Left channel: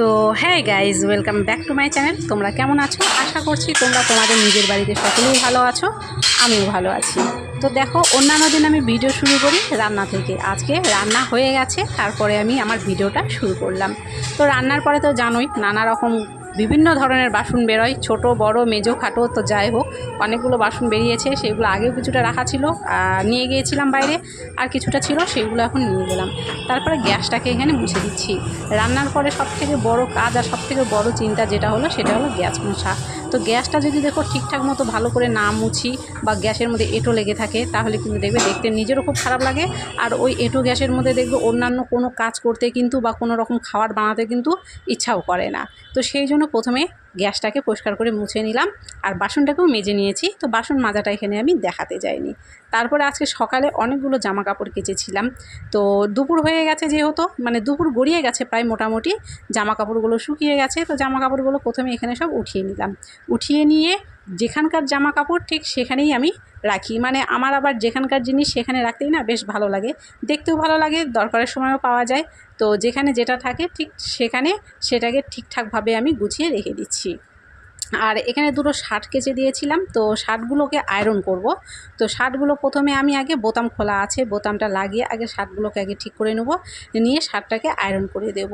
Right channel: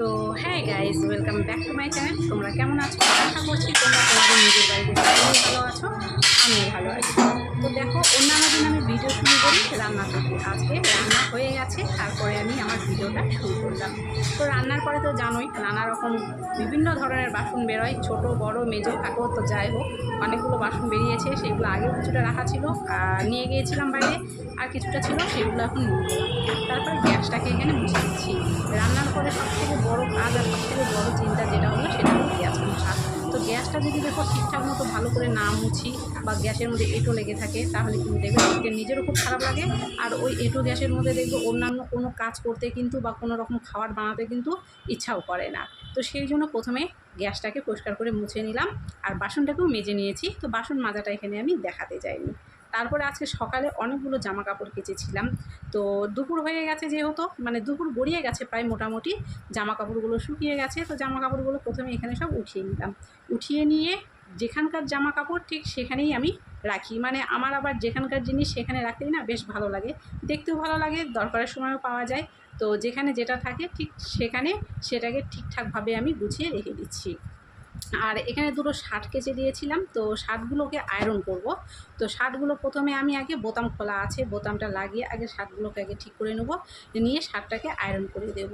তো হ্যাঁ guys, welcome back to my channel. তোমরা কেমন আছো? আশা করছি তোমরা তোমাদের নিজের বাড়িতে সকলেই ভালো আছো, আমিও ভালো আছি। তো দেখো, অন্যান্য দিন আমি ভিডিও শুরু করি রান্না থেকে। আজকে রান্না হয়ে গেছে, তারপরে আমি আমার ভিডিওটা শুরু করলাম। তো রান্নার পরে তো জানোই নানা রকম বিভিন্ন ধরনের বাসন বেরোয়, ছোট বড় মেজো খাটো। তো যাই হোক, অনেকগুলো বাসন বেরিয়েছে। সেগুলো আগেও কিছুটা রাখা ছিল, নিয়ে গিয়েছিলাম বাইরে, আর কিছুটা ছিল সেগুলো এখন নিয়ে গেলাম। তারপরে গ্যাসটাকে এখানে মুছে দিচ্ছি। রান্নার পরে সবথেকে বড় কাজ আর সবথেকে বড় চিন্তা যেটা হলো সেটা হলো গ্যাস মোছা। তো গ্যাসটা যদি দেখো ঠিকঠাক মতো ভালো করে না মুছি বা গ্যাসের মধ্যে এঁটো লেগে থাকে, তাহলে কিন্তু দেখবে দেখতে নিজেরও খুব খারাপ লাগে। আর ওই এঁটো গ্যাসের মধ্যে দেখবে অন্যান্য কোনো কাজ করতে কিন্তু বা কোনো রকম খাবার বানাতে কিন্তু ইচ্ছাও করে না। তো সেই জন্য প্রথমে গ্যাসটাকে পরিষ্কার করে মুছে নিলাম, আর বাসনটাকেও মেজে নিয়েছি। তো বাসন মাজাটা এখানে আমি দেখাতে যাইনি। তারপরে আজকে সকালে অনেকগুলো জামা কাপড় কেচেছিলাম। তো দুপুর হয়ে গেছে, যেহেতু মানে দুপুর গড়িয়ে গেছে প্রায়, মোটামুটি জামা কাপড়গুলো শুকিয়ে গেছে। তো জামা কাপড়গুলো প্রথমে এখানে সব উঠিয়ে নিলাম। উঠিয়ে নিয়ে যেখানকার জামা কাপড় ঠিক সেখানেই আমি রাখি। মানে আমার আবার যেখানকার জিনিস সেখানে রাখতেই না বেশ ভালো লাগে, দেখতেও ভালো লাগে, দরকারের সময়ও পাওয়া যায়। তো যেখানে যেটা থাকে ঠিক সেখানে সেটাকে ঠিকঠাকভাবে আমি গুছিয়ে রেখে দিচ্ছি। আর এখানে দুটো শার্ট কেচে দিয়েছিলাম, তো শার্টগুলোকে আয়রন করব। তো শার্টগুলো প্রথমে আমি আগে বোতাম খোলা আছে, বোতামটা লাগিয়ে আগে শার্টগুলোকে আগে ঠিক করে নেব, নিয়ে শার্টটাকে আয়রন করে দেব।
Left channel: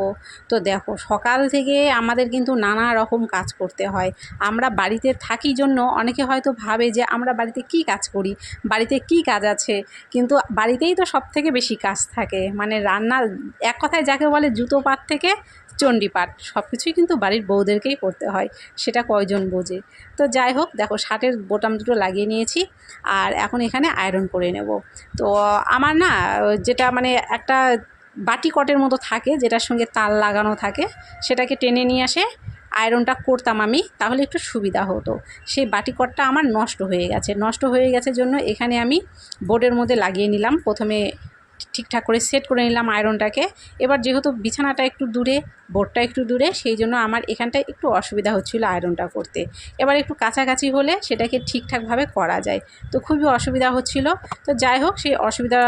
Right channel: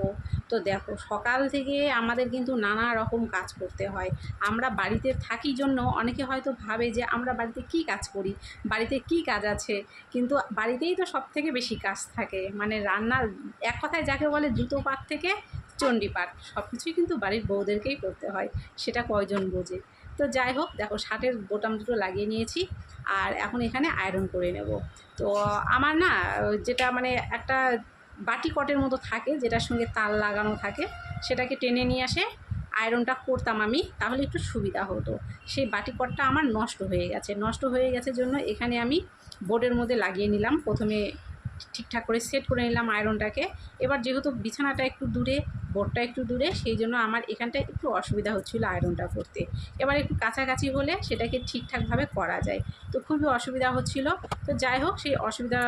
তো দেখো, সকাল থেকে আমাদের কিন্তু নানা রকম কাজ করতে হয়। আমরা বাড়িতে থাকি জন্য অনেকে হয়তো ভাবে যে আমরা বাড়িতে কি কাজ করি, বাড়িতে কি কাজ আছে, কিন্তু বাড়িতেই তো সব থেকে বেশি কাজ থাকে। মানে রান্না, এক কথায় যাকে বলে জুতো পাট থেকে চণ্ডীপাঠ, সব কিছুই কিন্তু বাড়ির বউদেরকেই করতে হয়, সেটা কয়জন বোঝে। তো যাই হোক, দেখো শার্টের বোতাম দুটো লাগিয়ে নিয়েছি, আর এখন এখানে আয়রন করে নেব। তো আমার না যেটা মানে একটা বাটি কটের মতো থাকে, যেটার সঙ্গে তার লাগানো থাকে, সেটাকে টেনে নিয়ে আসে আয়রনটা করতাম আমি, তাহলে একটু সুবিধা হতো। সেই বাটি কটটা আমার নষ্ট হয়ে গেছে জন্য এখানে আমি বোর্ডের মধ্যে লাগিয়ে নিলাম। প্রথমে ঠিকঠাক করে সেট করে নিলাম আয়রনটাকে। এবার যেহেতু বিছানাটা একটু দূরে, বোর্ডটা একটু দূরে, সেই জন্য আমার এখানটায় একটু অসুবিধা হচ্ছিলো আয়রনটা করতে। এবার একটু কাছাকাছি হলে সেটাকে ঠিকঠাকভাবে করা যায়, তো খুবই অসুবিধা হচ্ছিল। তো যাই হোক, সেই অসুবিধা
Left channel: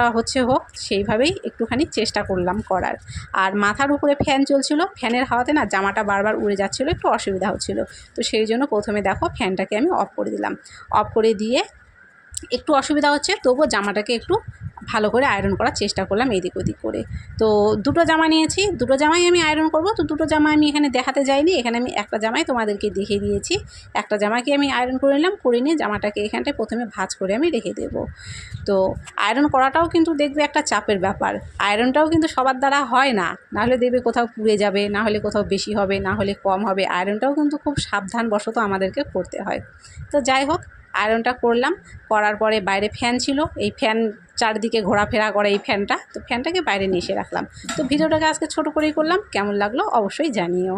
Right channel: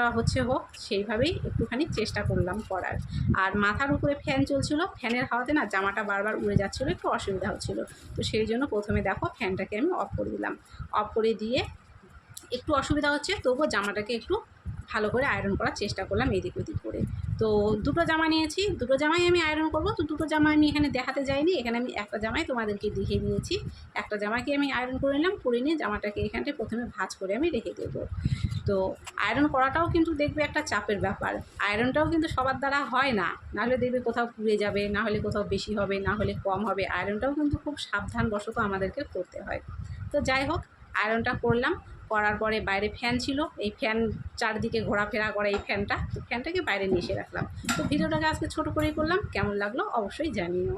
হোক, সেইভাবেই একটুখানি চেষ্টা করলাম করার। আর মাথার উপরে ফ্যান চলছিল, ফ্যানের হাওয়াতে না জামাটা বারবার উড়ে যাচ্ছিলো, একটু অসুবিধা হচ্ছিল। তো সেই জন্য প্রথমে দেখো ফ্যানটাকে আমি অফ করে দিলাম। অফ করে দিয়ে একটু অসুবিধা হচ্ছে, তবুও জামাটাকে একটু ভালো করে আয়রন করার চেষ্টা করলাম এদিক ওদিক করে। তো দুটো জামা নিয়েছি, দুটো জামাই আমি আয়রন করব। তো দুটো জামা আমি এখানে দেখাতে যাইনি, এখানে আমি একটা জামাই তোমাদেরকে দেখিয়ে দিয়েছি। একটা জামাকে আমি আয়রন করে নিলাম, করে নিয়ে জামাটাকে এখানটায় প্রথমে ভাঁজ করে আমি রেখে দেবো। তো আয়রন করাটাও কিন্তু দেখবে একটা চাপের ব্যাপার। আয়রনটাও কিন্তু সবার দ্বারা হয় না, নাহলে দেখবে কোথাও পুড়ে যাবে, না হলে কোথাও বেশি হবে, না হলে কম হবে। আয়রনটাও কিন্তু খুব সাবধানবশত আমাদেরকে করতে হয়। তো যাই হোক, আয়রনটা করলাম। করার পরে বাইরে ফ্যান ছিল, এই ফ্যান চারদিকে ঘোরাফেরা করে এই ফ্যানটা, তো ফ্যানটাকে বাইরে নিয়ে এসে রাখলাম। তো ভিডিওটাকে আজকে ছোটো করেই করলাম, কেমন লাগলো অবশ্যই জানিও।